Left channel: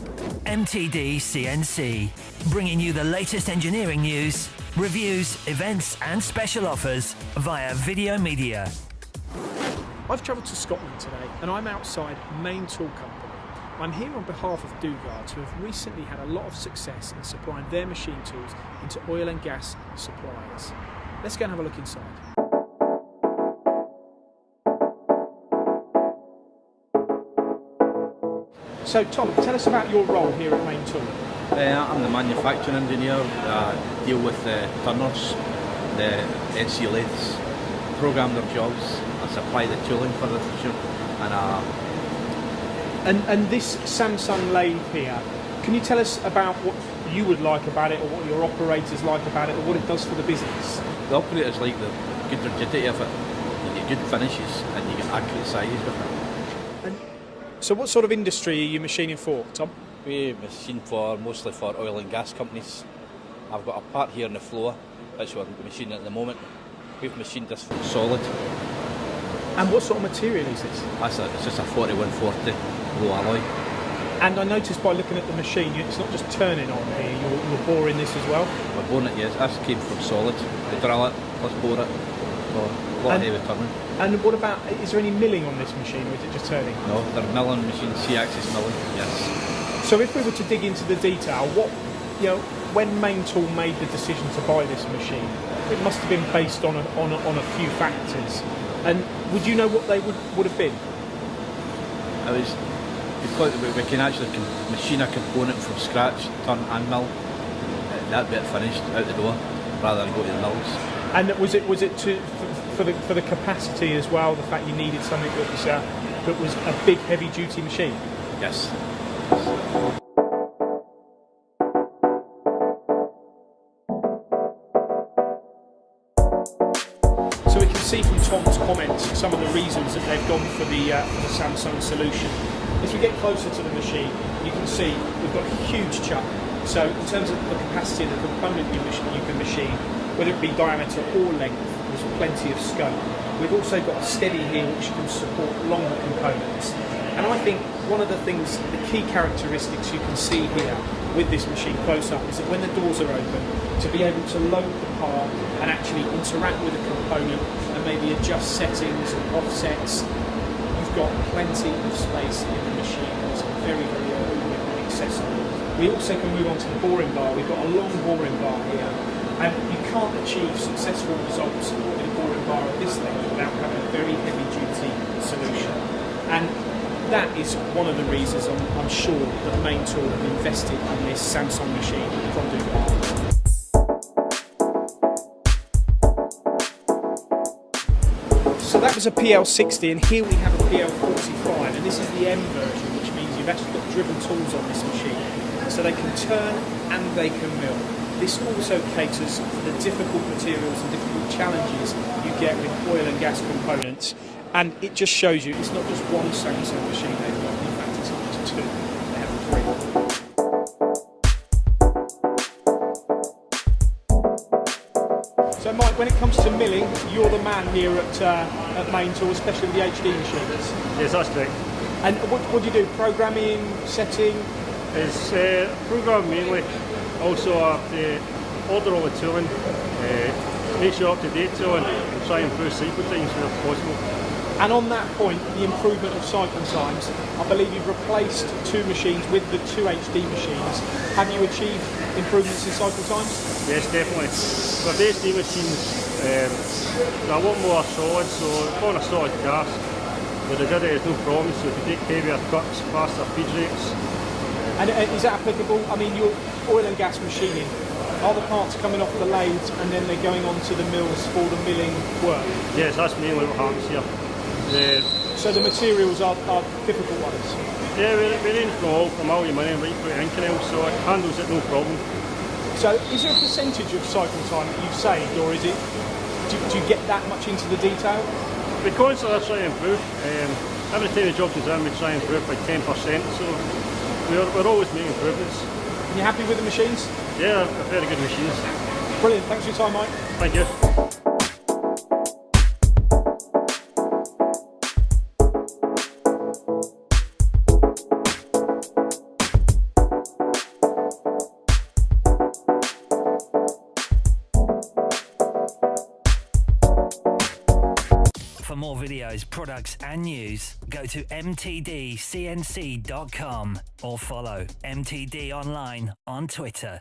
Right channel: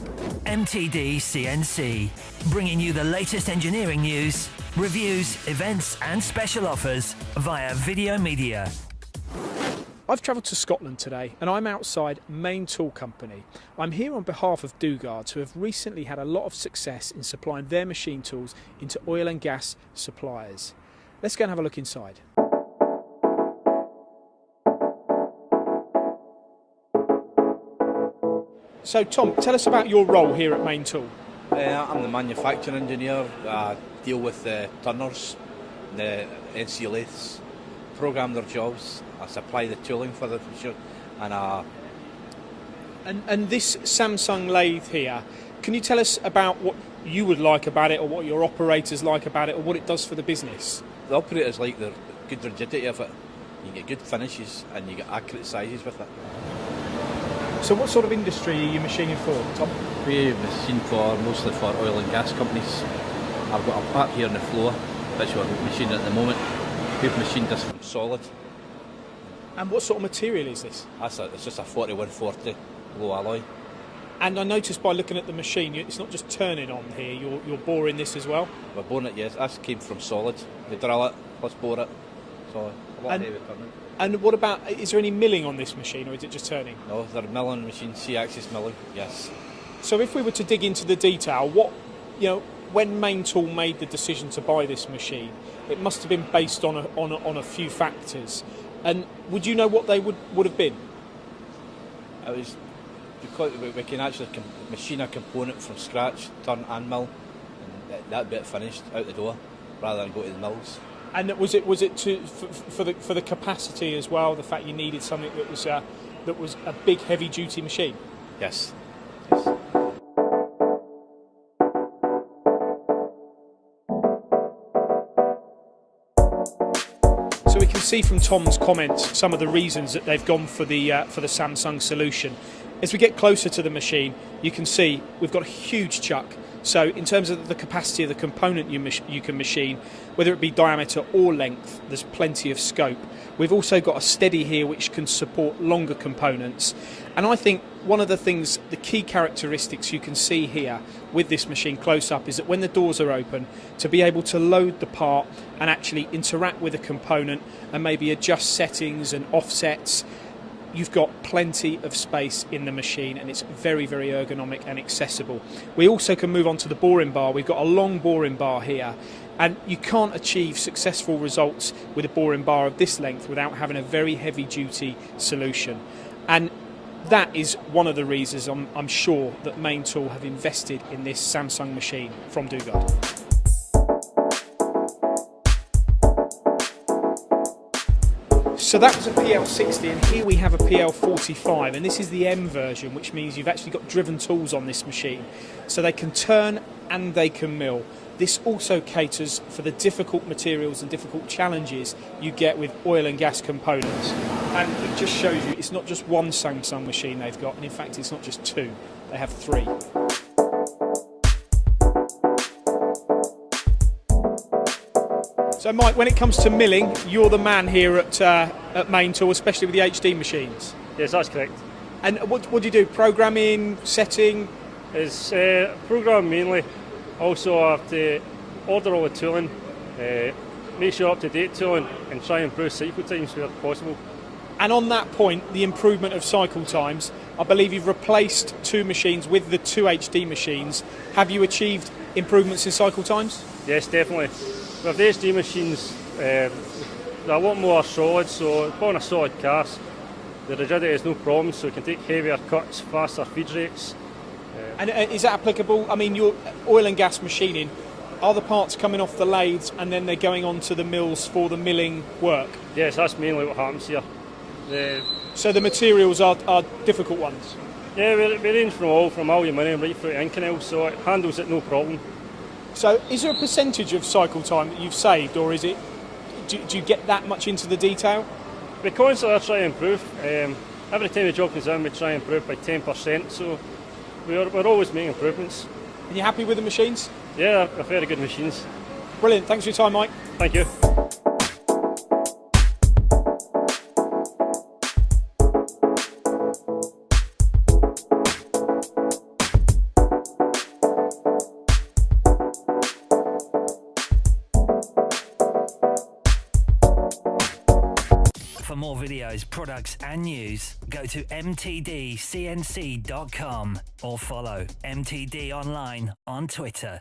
MTD CNC, bringing you the latest engineering news, reviews, events and special offers via video media. I've travelled to Scotland today and I'm outside Main Tool Company. I'm here on behalf of Dugard, who have recently had a lot of success in supplying their machine tools into oil and gas suppliers. Let's go and have a look inside. So Tom, tell us about your role here at Main Tool. I'm the manufacturing engineer. I deal with the turners, the NC lathes, program their jobs. I supply the tooling for the machine, And this Samsung lathe here, can you tell us about what you would like about it, or what your operators like about it, or what it does for the business? the operators like the good rigidity of it. You get good finishes and you get accurate sizes with it. So what sort of industry are you machining for, Tom? We machine mostly for oil and gas companies. I've got a part here on the floor, which we're machining at the moment. We've machined this from solid. And what sort of material is this? It's just a 4140 low alloy. And I noticed by looking at the machine, it's not just turning on here, you're boring this as well? We're boring it, yes. This came from solid. We drill it, let's bore it. So, a lot of heavy turning. And what about, is there any milling on this machine, or is it just turning? No, they're milling machines, C-axis milling, yes. So if we were to dig into the detail, when Main Tool made the decision to buy this machine, it must have been based on a few factors. And would you know what they would have been? Because we can actually machine a component from scratch, turn and mill, that bit finished out the door, rather than go to the mills. And was it for the capacity as well? The fact you needed something that was a big heavy duty machine. Yes. So we can see from Tom's comments some of the reasons that they've gone for the Samsung solution. As we get closer to the machine, you can see we've got a huge chuck. So in terms of the capacity of the component you can machine, whether it be diameter or length, there's plenty of scope. We've also got a steady here which can support longer components. And I think one of the key characteristics you can see here with this machine close up is that when the doors are open, to be able to load the part and actually interact with the component and maybe adjust settings and offsets, you've got plenty of space in the machine and it's very, very ergonomic and accessible. We also can move on to the boring bar. We've got a long boring bar here. And you can't achieve successful results with a boring bar of this length without having a very heavy-duty solution. And that is one of the reasons I'm sure that Main Tool have invested in this Samsung machine from Dugard. So that was a PL60, and here we have a PL45, and this is the M version, which means you've actually got driven tools on this machine. So they can turn and they can mill. This also caters for the difficult materials and difficult challenges you get with oil and gas components. And it just shows you it's not just one Samsung machine they've got. In fact, it's not just two. They have three. So Mike, when it comes to milling, you're the man here at Main Tool, especially with the HD machines. Yes, that's correct. And what do you do? Programming, setting? It's programming mainly. Also, I have to order all the tooling, make sure up-to-date tooling, and try and improve cycle times where possible. And on that point, the improvement of cycle times, I believe you've replaced two machines with the two HD machines. Have you achieved improvements in cycle times? Yes, definitely. With the HD machines, they're a lot more solid, so on a solid cast, the rigidity is no problem, so you can take heavier cuts, faster feed rates. And is that applicable? I mean, your oil and gas machining, are the parts coming off the lathes and then they're going on to the mills for the milling work? Yes, that's mainly what happens here. So the materials are difficult ones? Yeah, we range from aluminium right through to Inconel, so it handles it no problem. So is there a percentage of cycle time that you've saved, or is it, do you get that much into the detail? We constantly try and improve. Every time the job is done, we try and improve by 10%, so we're always making improvements. You happy with the machines? Yeah, they're very good machines. Brilliant, thanks for your time, Mike. Thank you. For more videos, products and news, go to mtdcnc.com or follow MTD Online on Twitter.